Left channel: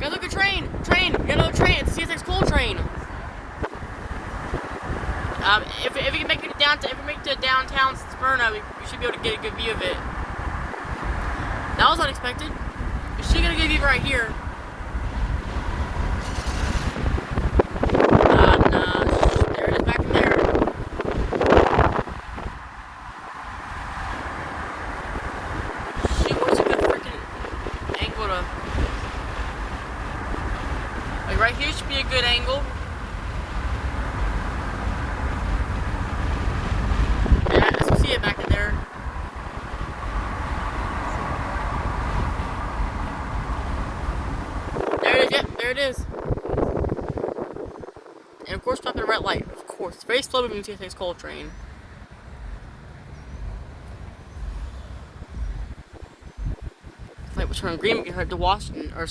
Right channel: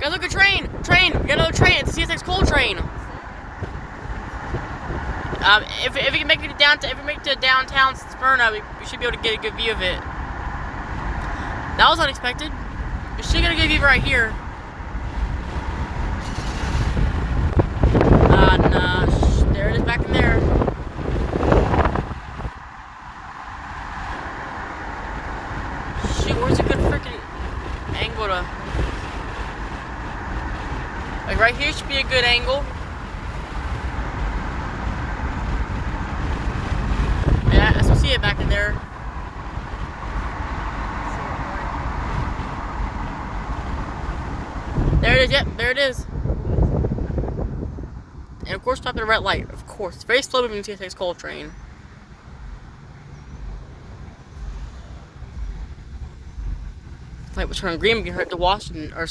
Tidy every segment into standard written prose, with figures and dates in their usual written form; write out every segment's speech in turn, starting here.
Guys, look at train! Train! We got another train! It's the CSX coal train! If we can make it to downtown, if we make it to downtown Smyrna, we should be able to get a good view of it. That was unexpected. We should get a good view right here. Nah, there it is back in there. Shoot, what's a good freaking angle to... Like right here should be a good angle. Yeah, I still see it back in there. There it is, yep, there it is. And of course, stop at a red light. Of course, it's very slow moving CSX coal train. Light will turn green. We can head to Washington or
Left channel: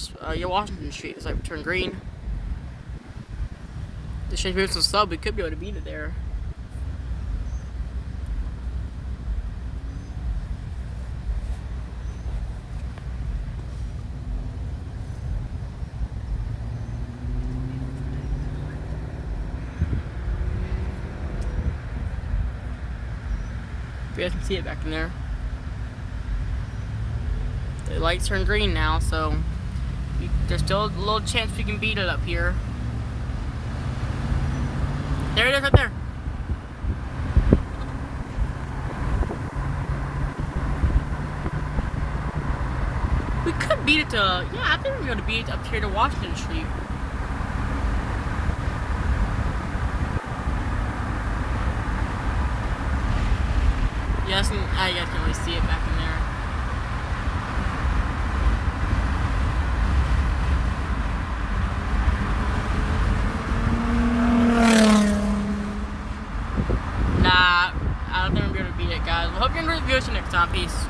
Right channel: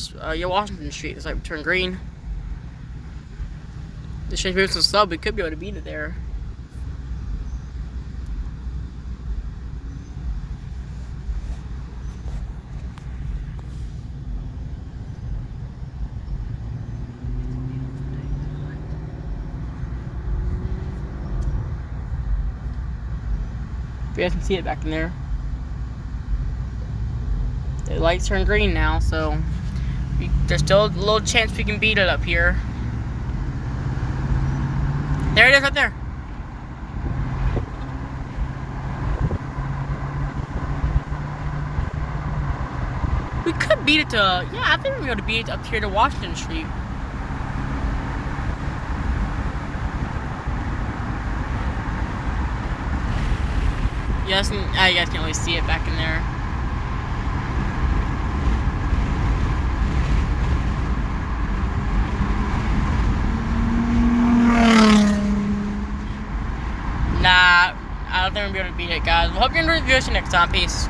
Washington Street. It's like turn green. This should be some sub. We could be able to beat it there. You guys can see it back in there. The lights turn green now, so there's still a little chance we can beat it up here. There it is, up there. We could beat it to, yeah, I think we're going to beat it up here to Washington Street. Yes, you guys can always see it back in there. Nah, I don't think we're going to beat it, guys. I hope you enjoyed the video. See you next time. Peace.